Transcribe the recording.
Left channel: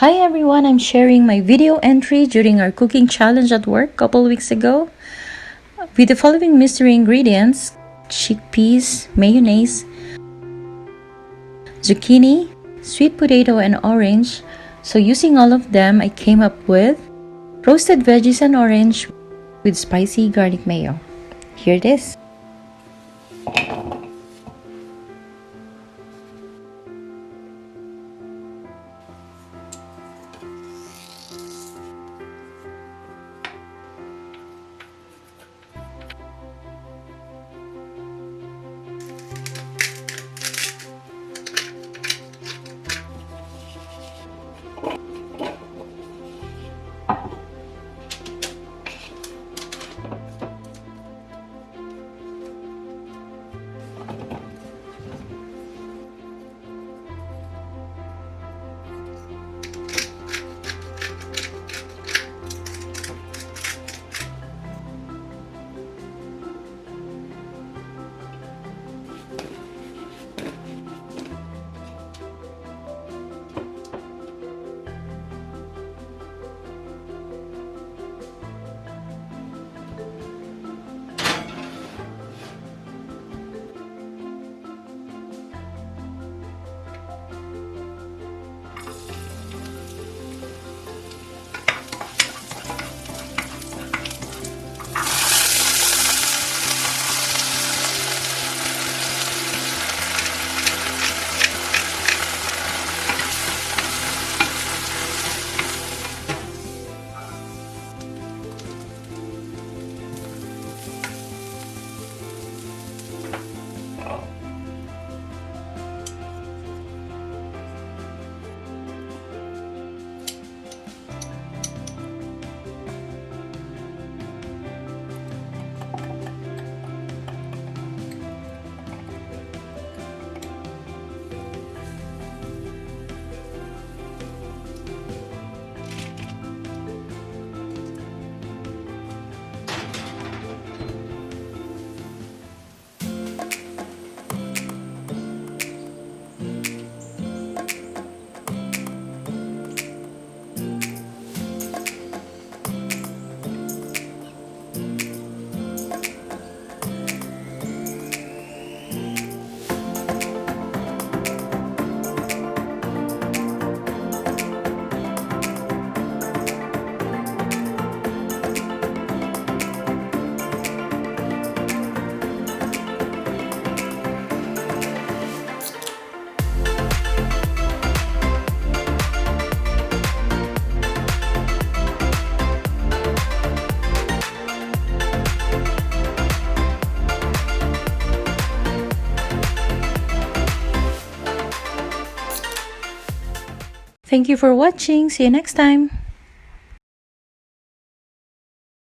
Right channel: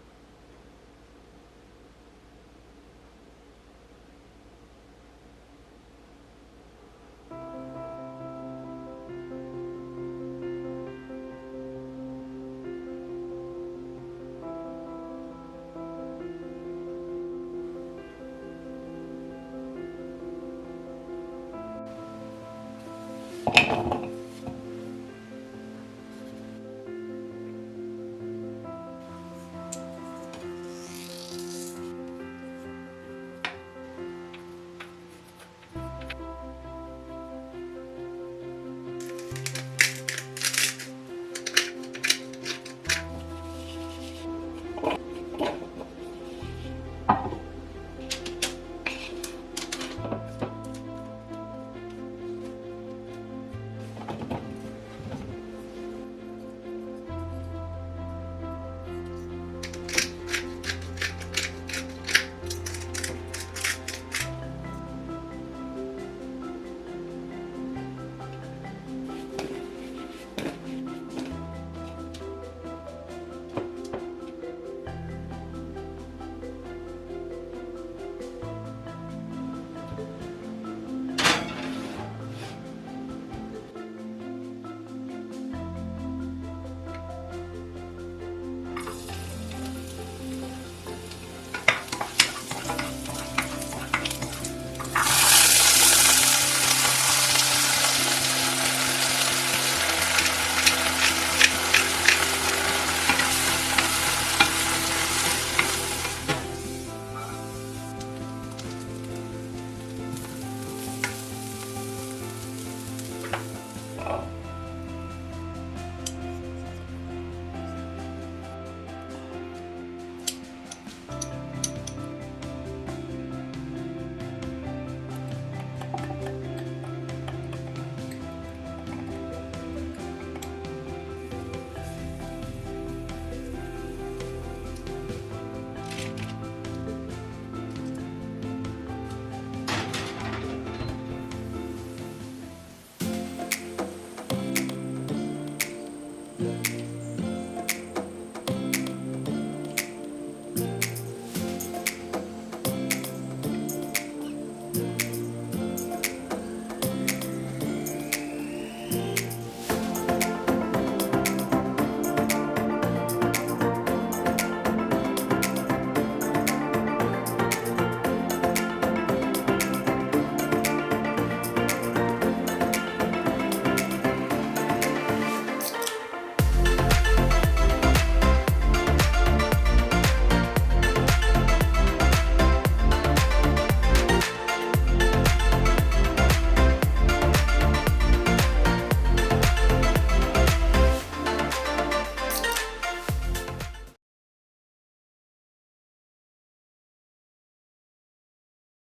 Hi everyone, I'm sharing my video entry during our cooking challenge at work a couple weeks ago with the following mystery ingredients: chickpeas, mayonnaise, zucchini, sweet potato, and orange. So using all of them, I came up with roasted veggies and orange with spicy garlic mayo. Here it is. Thank you for watching. See you next time.